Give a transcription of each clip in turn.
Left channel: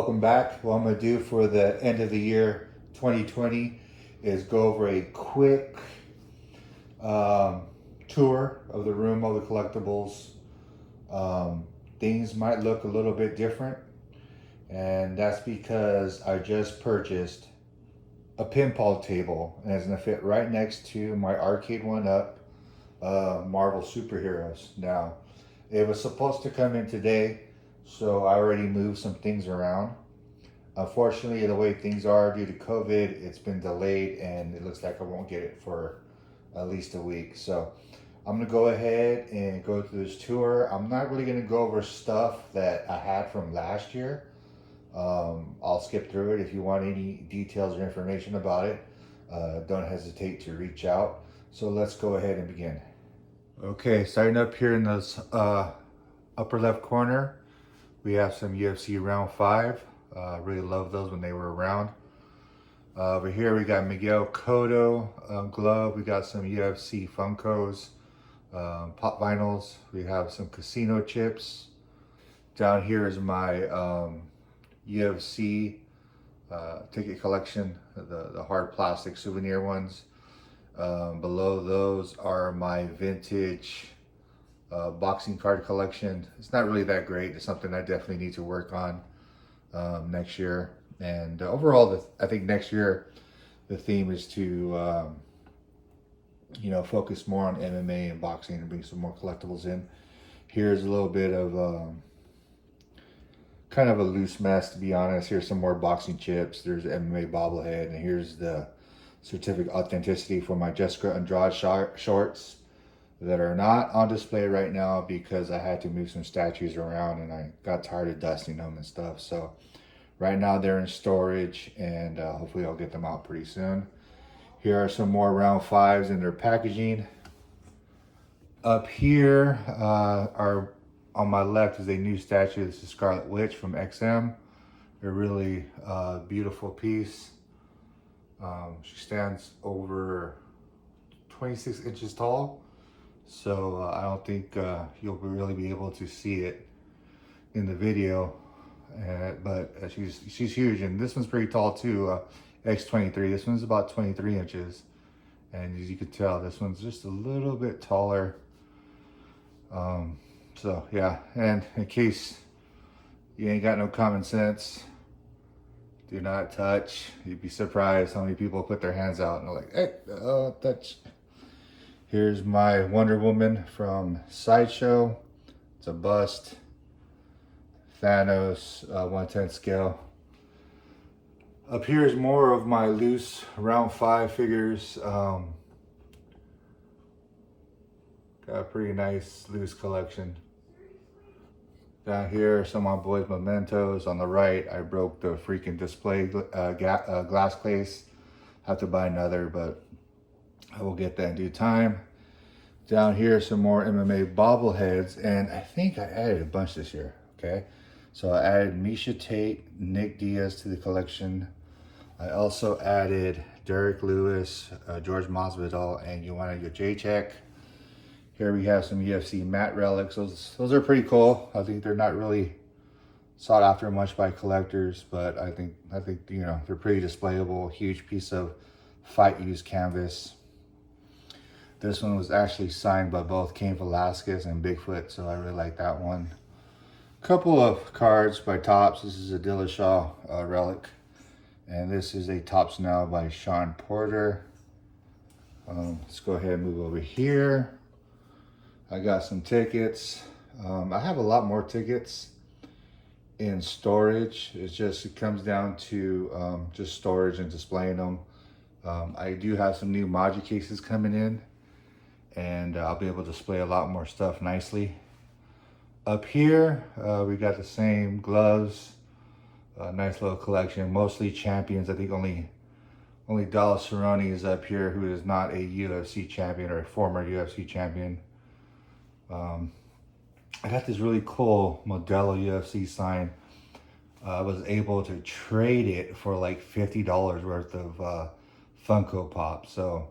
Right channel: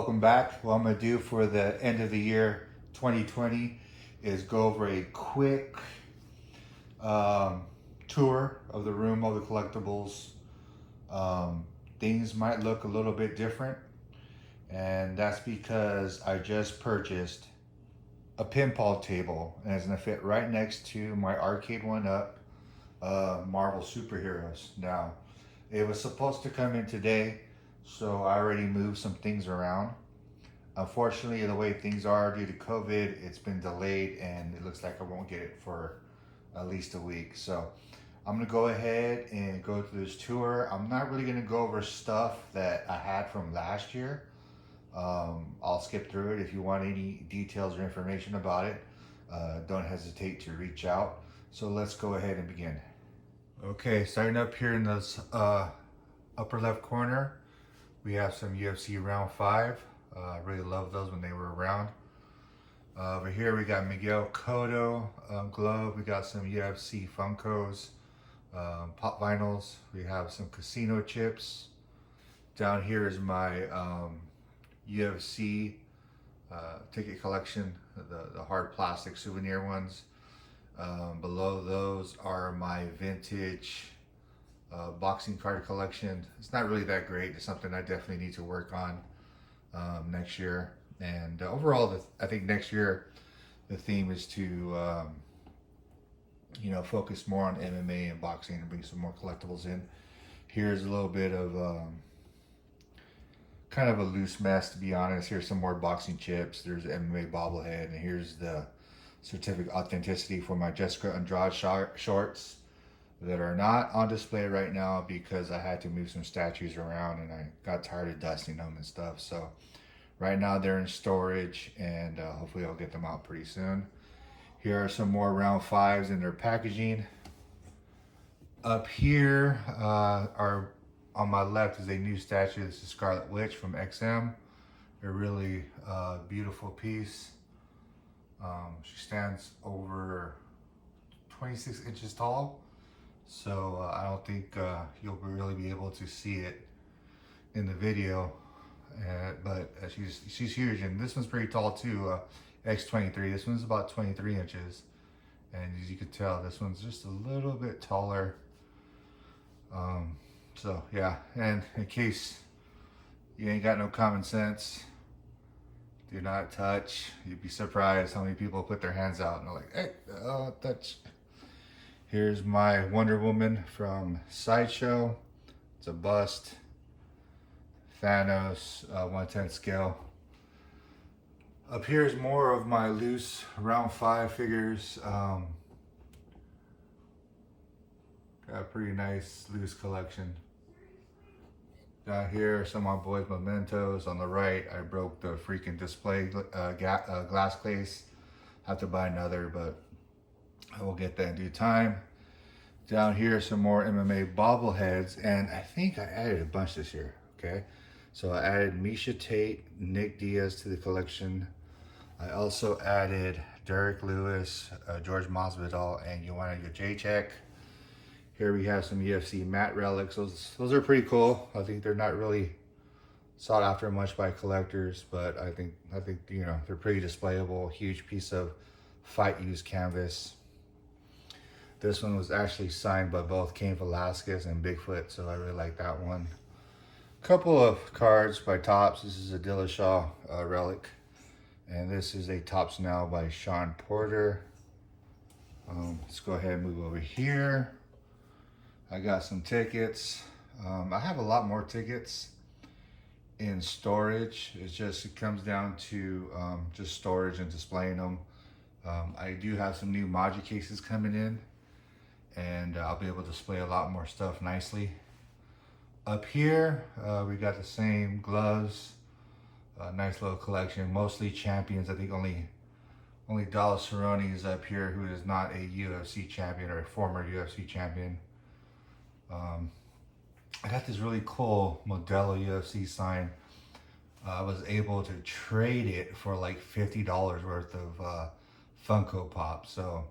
Welcome back. What I'm going to do for the end of the year 2020 is go over a quick tour of the room of the collectibles. Things might look a little bit different, and that's because I just purchased a pinball table, and it's going to fit right next to my Arcade1Up Marvel superheroes. Now, it was supposed to come in today, so I already moved some things around. Unfortunately, the way things are due to COVID, it's been delayed and it looks like I won't get it for at least a week. So I'm gonna go ahead and go through this tour. I'm not really gonna go over stuff that I had from last year. I'll skip through it. If you want any details or information about it, don't hesitate to reach out. So let's go ahead and begin. Okay, starting up here in this upper left corner, we have some UFC round 5. Really love those when they were around. Over here we got Miguel Cotto glove. We got some UFC Funkos, pop vinyls. We have some casino chips. Down here is my UFC ticket collection, the hard plastic souvenir ones. Below those are my vintage boxing card collection. It's not really that great. It's something I definitely need to work on next year. And overall, I think next year the theme is to focus more on MMA and boxing and bring some more collectibles in. Here's a little bit of kind of a loose mess, to be honest. Here's some more boxing chips. There's the MMA bobblehead, and here's the certificate authenticity for my Jessica Andrade shorts that are not on display right now because I had to move some statues around and I got tired of dusting them and stuff. So right now they're in storage, and hopefully I'll get them out pretty soon. Here are some more round 5s in their packaging. Up here are on my left is a new statue. This is Scarlet Witch from XM. A really beautiful piece. She stands over 26 inches tall. So I don't think you'll really be able to see it in the video, but she's huge, and this one's pretty tall too. X23. This one's about 23 inches, and as you can tell, this one's just a little bit taller. So yeah, and in case you ain't got no common sense, do not touch. You'd be surprised how many people put their hands out and they're like, hey, touch. Here's my Wonder Woman from Sideshow. It's a bust. Thanos, 1/10 scale. Up here is more of my loose round 5 figures. Got a pretty nice loose collection. Down here, some of my boys' mementos. On the right, I broke the freaking display glass case. Have to buy another, but I will get that in due time. Down here, some more MMA bobbleheads, and I think I added a bunch this year, okay? So I added Misha Tate, Nick Diaz to the collection. I also added Derek Lewis, George Masvidal, and Joanna Jacek. Here we have some UFC matte relics. Those are pretty cool. I think they're not really sought after much by collectors, but I think they're pretty displayable. Huge piece of fight used canvas. This one was actually signed by both Cain Velasquez and Bigfoot, so I really like that one. Couple of cards by Topps. This is a Dillashaw relic, and this is a Topps Now by Sean Porter. Let's go ahead and move over here. I got some tickets. I have a lot more tickets in storage. It comes down to just storage and displaying them. I do have some new Maji cases coming in, and I'll be able to display a lot more stuff nicely. Up here, we got the same gloves. Nice little collection, mostly champions. I think only Dallas Cerrone is up here, who is not a UFC champion or a former UFC champion. I got this really cool Modelo UFC sign. I was able to trade it for like $50 worth of Funko Pop. So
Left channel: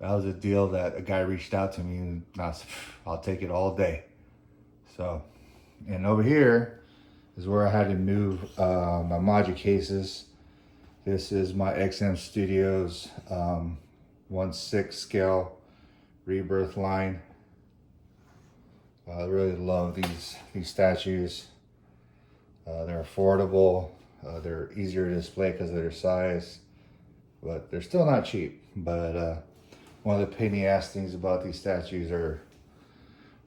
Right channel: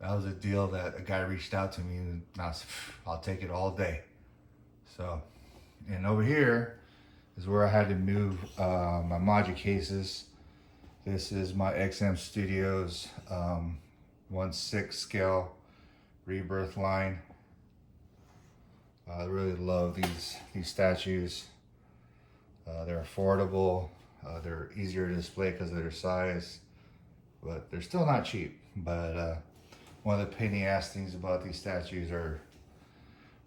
that was a deal that a guy reached out to me, and I'll take it all day. So, and over here is where I had to move my module cases. This is my XM Studios 1/6 scale rebirth line. I really love these statues. They're affordable. They're easier to display because of their size, but they're still not cheap. But one of the pain in the ass things about these statues are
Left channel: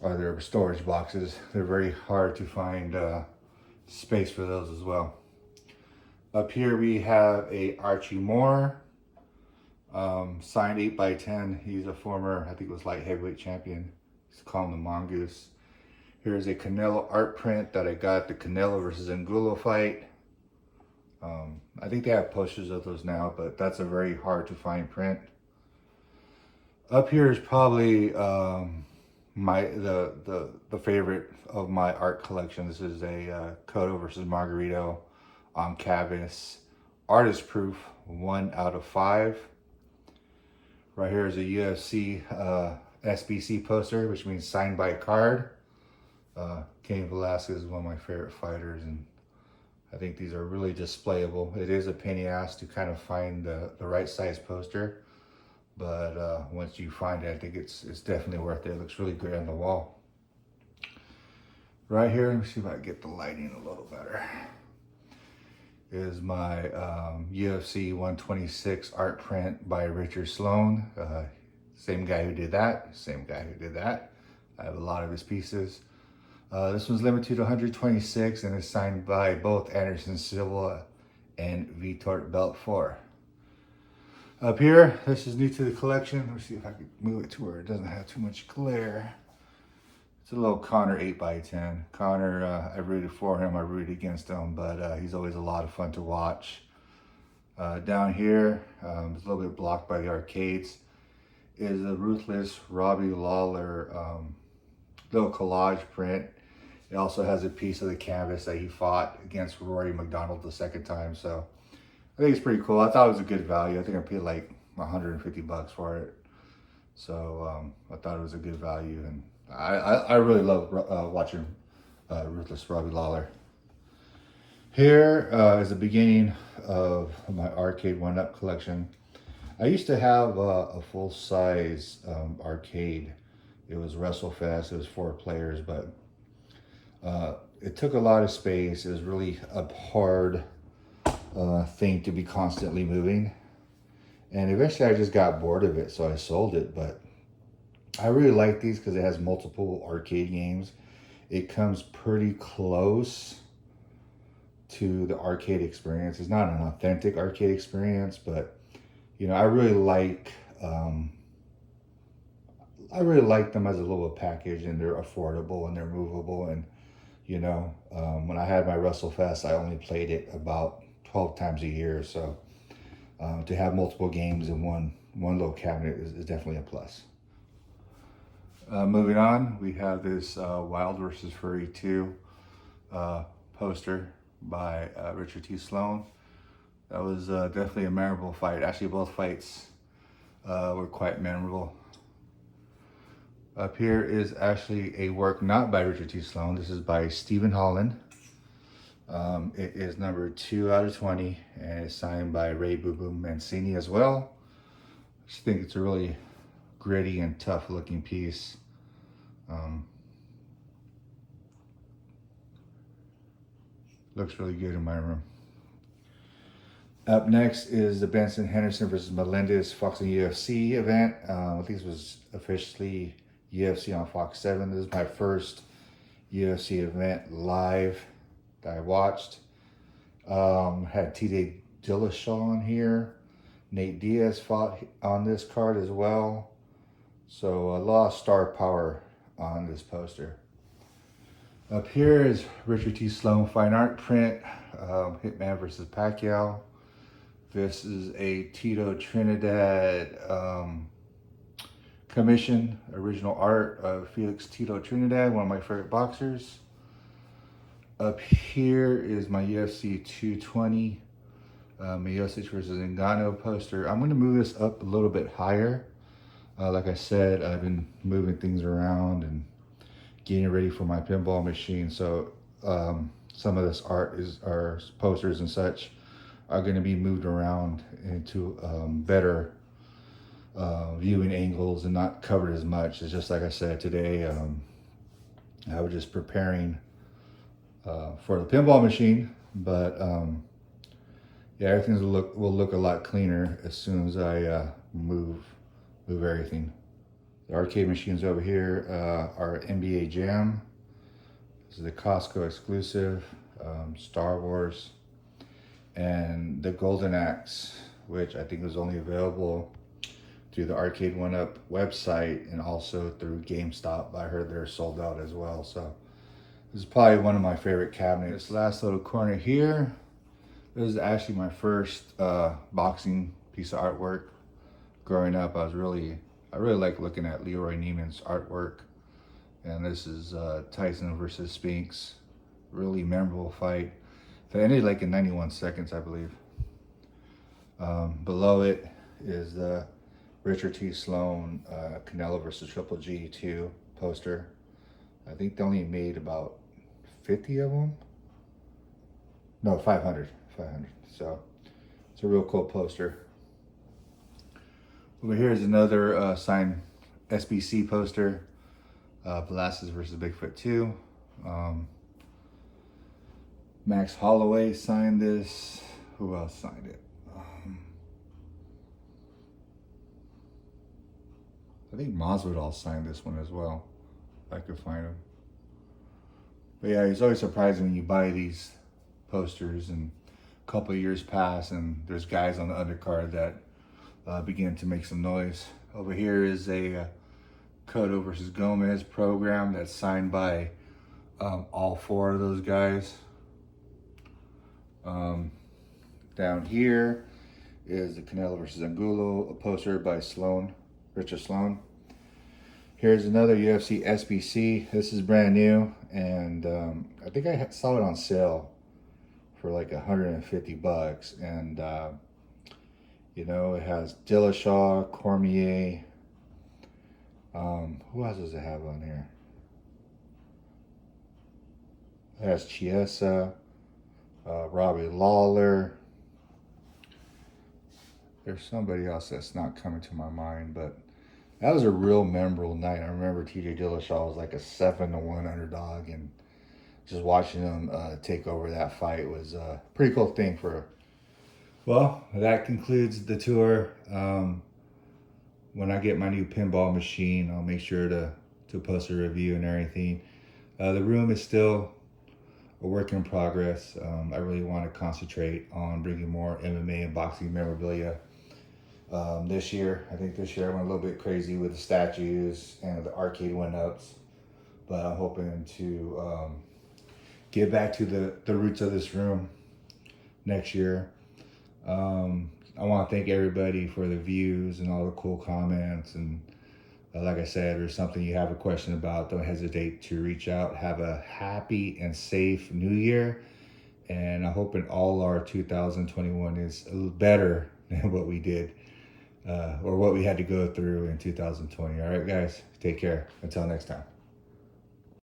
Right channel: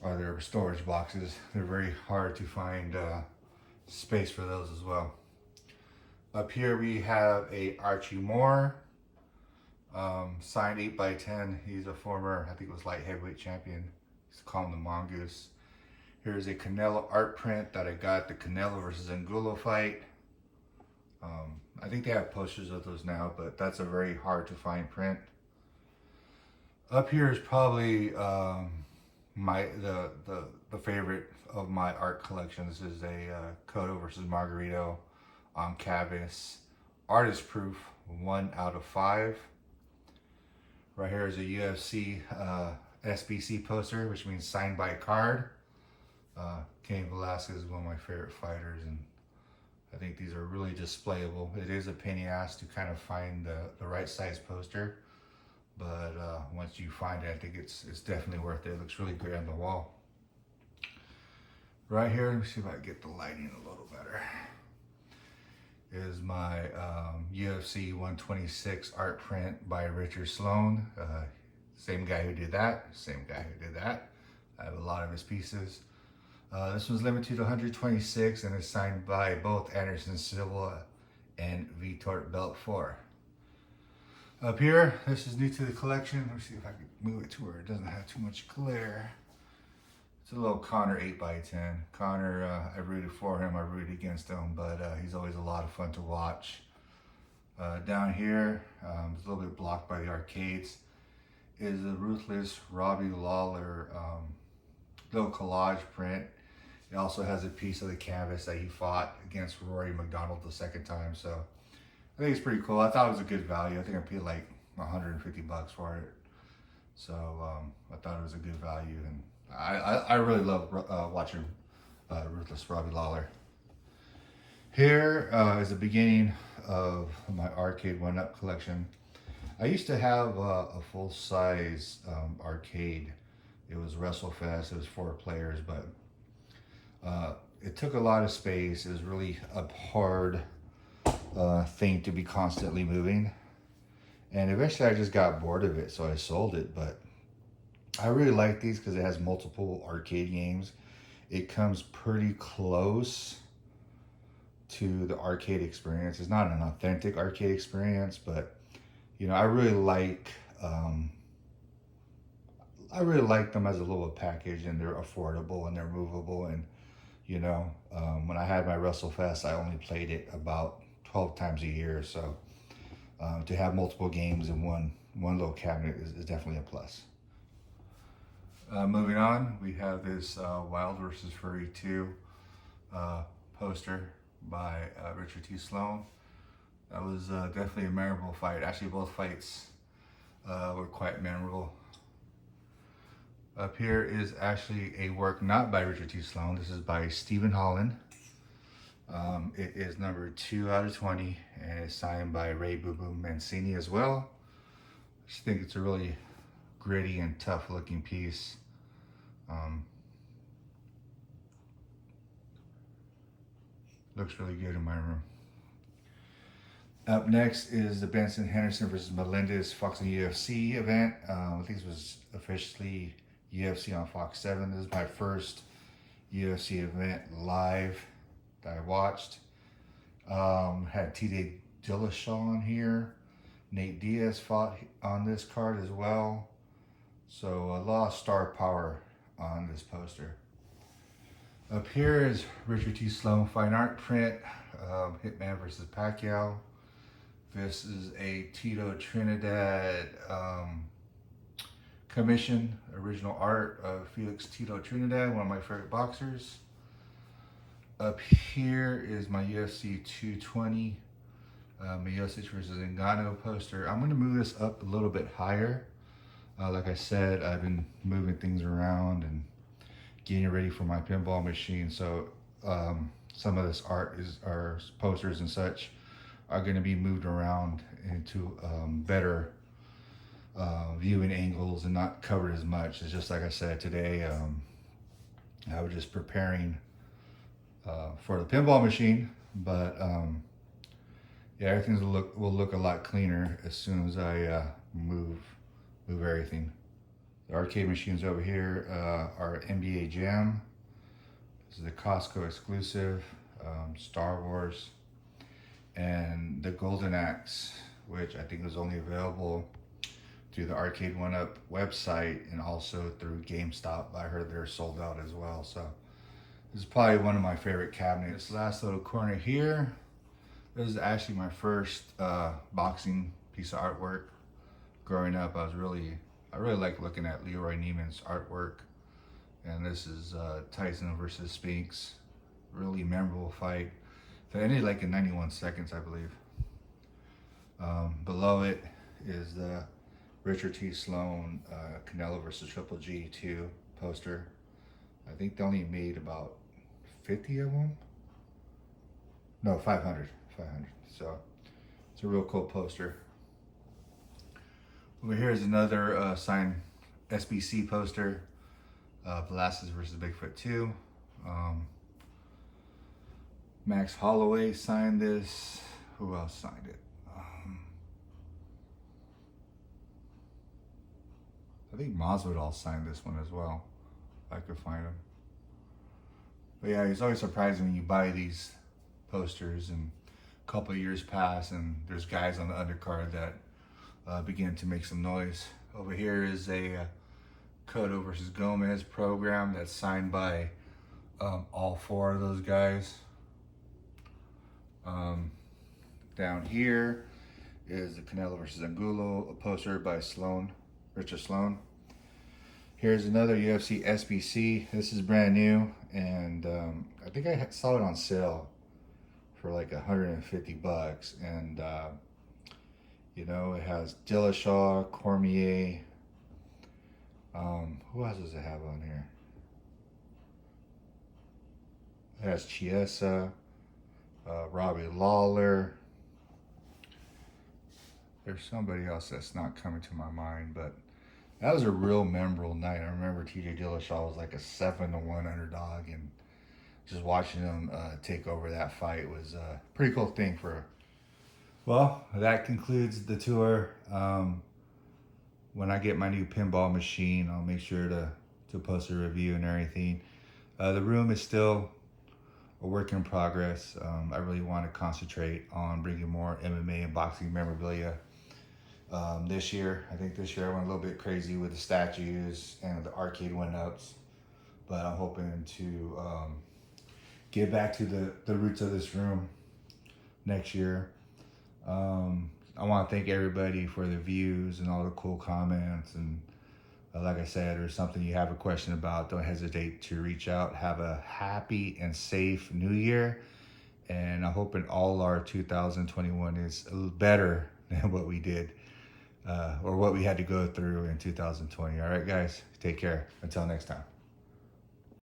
their storage boxes. They're very hard to find space for those as well. Up here we have a Archie Moore, signed 8x10. He's a former, I think it was light heavyweight champion. He's called him the Mongoose. Here's a Canelo art print that I got the Canelo versus Angulo fight. I think they have posters of those now, but that's a very hard to find print. Up here is probably the favorite of my art collection. This is a Cotto versus Margarito on canvas, artist proof, 1 out of 5. Right here is a UFC SBC poster, which means signed by card. Cain Velasquez is one of my favorite fighters, and I think these are really displayable. It is a pain in the ass to kind of find the right size poster, but once you find it, I think it's definitely worth it. It looks really great on the wall. Right here, let me see if I can get the lighting a little better, is my UFC 126 art print by Richard Sloane. Same guy who did that, same guy who did that. I have a lot of his pieces. This one's limited to 126 and is signed by both Anderson Silva and Vitor Belfort. Up here, this is new to the collection. Let me see if I can move it to where it doesn't have too much glare. It's a little Connor 8x10. Connor, I rooted for him, I rooted against him, but he's always a lot of fun to watch. Down here, it's a little bit blocked by the arcades, is a Ruthless Robbie Lawler little collage print. It also has a piece of the canvas that he fought against Rory McDonald the second time, so I think it's pretty cool. I thought it was a good value. I think I paid like 150 bucks for it, so I thought it was a good value, and I really love watching Ruthless Robbie Lawler. Here is the beginning of my Arcade1Up collection. I used to have a full-size arcade. It was WrestleFest. It was 4 players, but it took a lot of space. It was really a hard thing to be constantly moving, and eventually I just got bored of it, so I sold it. But I really like these because it has multiple arcade games. It comes pretty close to the arcade experience. It's not an authentic arcade experience, but you know, I really like them as a little package, and they're affordable and they're movable. And you know, when I had my WrestleFest, I only played it about 12 times a year, so to have multiple games in one little cabinet is definitely a plus. Moving on, we have this Wild vs. Fury 2 poster by Richard T. Sloane. That was definitely a memorable fight. Actually, both fights were quite memorable. Up here is actually a work not by Richard T. Sloane. This is by Stephen Holland. It is number 2 out of 20, and it's signed by Ray Boo Boo Mancini as well. I just think it's a really gritty and tough looking piece. Looks really good in my room. Up next is the Benson Henderson versus Melendez Fox and UFC event. I think this was officially UFC on Fox 7. This is my first UFC event live that I watched. Had TJ Dillashaw on here. Nate Diaz fought on this card as well. So a lot of star power on this poster. Up here is Richard T. Sloane fine art print, Hitman versus Pacquiao. This is a Tito Trinidad commission, original art of Felix Tito Trinidad, one of my favorite boxers. Up here is my UFC 220 Miocic versus Ngannou poster. I'm going to move this up a little bit higher. Like I said, I've been moving things around and getting ready for my pinball machine. So some of this art or posters and such are going to be moved around into better viewing angles and not covered as much. It's just like I said today, I was just preparing for the pinball machine, but yeah, everything will look a lot cleaner as soon as I move everything. The arcade machines over here are NBA Jam. This is the Costco exclusive, Star Wars, and the Golden Axe, which I think was only available through the Arcade1Up website and also through GameStop. I heard they're sold out as well. So this is probably one of my favorite cabinets. This last little corner here, this is actually my first boxing piece of artwork. Growing up, I really like looking at Leroy Neiman's artwork. And this is Tyson versus Sphinx. Really memorable fight. It ended like in 91 seconds, I believe. Below it is the Richard T. Sloane Canelo versus Triple G 2 poster. I think they only made about 50 of them. No, 500. So it's a real cool poster. Over here is another signed SBC poster. Velasquez versus Bigfoot 2. Max Holloway signed this. Who else signed it? I think Masvidal signed this one as well, if I could find him. But yeah, it's always surprising when you buy these posters and a couple of years pass and there's guys on the undercard that begin to make some noise. Over here is a Cotto versus Gomez program that's signed by all four of those guys. Down here is the Canelo versus Angulo, a poster by Sloane, Richard Sloane. Here's another UFC SBC. This is brand new, and I think I saw it on sale for like 150 bucks. And you know, it has Dillashaw, Cormier. Who else does it have on here? It has Chiesa, Robbie Lawler. There's somebody else that's not coming to my mind, but that was a real memorable night. I remember TJ Dillashaw was like a 7-1 underdog, and just watching him take over that fight was a pretty cool thing for. Well, that concludes the tour. When I get my new pinball machine, I'll make sure to post a review and everything. The room is still a work in progress. I really want to concentrate on bringing more MMA and boxing memorabilia this year. I think this year I went a little bit crazy with the statues and the Arcade1Ups, but I'm hoping to get back to the roots of this room next year. I want to thank everybody for the views and all the cool comments. And like I said, or something you have a question about, don't hesitate to reach out. Have a happy and safe new year. And I'm hoping all our 2021 is a little better than what we did or what we had to go through in 2020. All right, guys, take care. Until next time.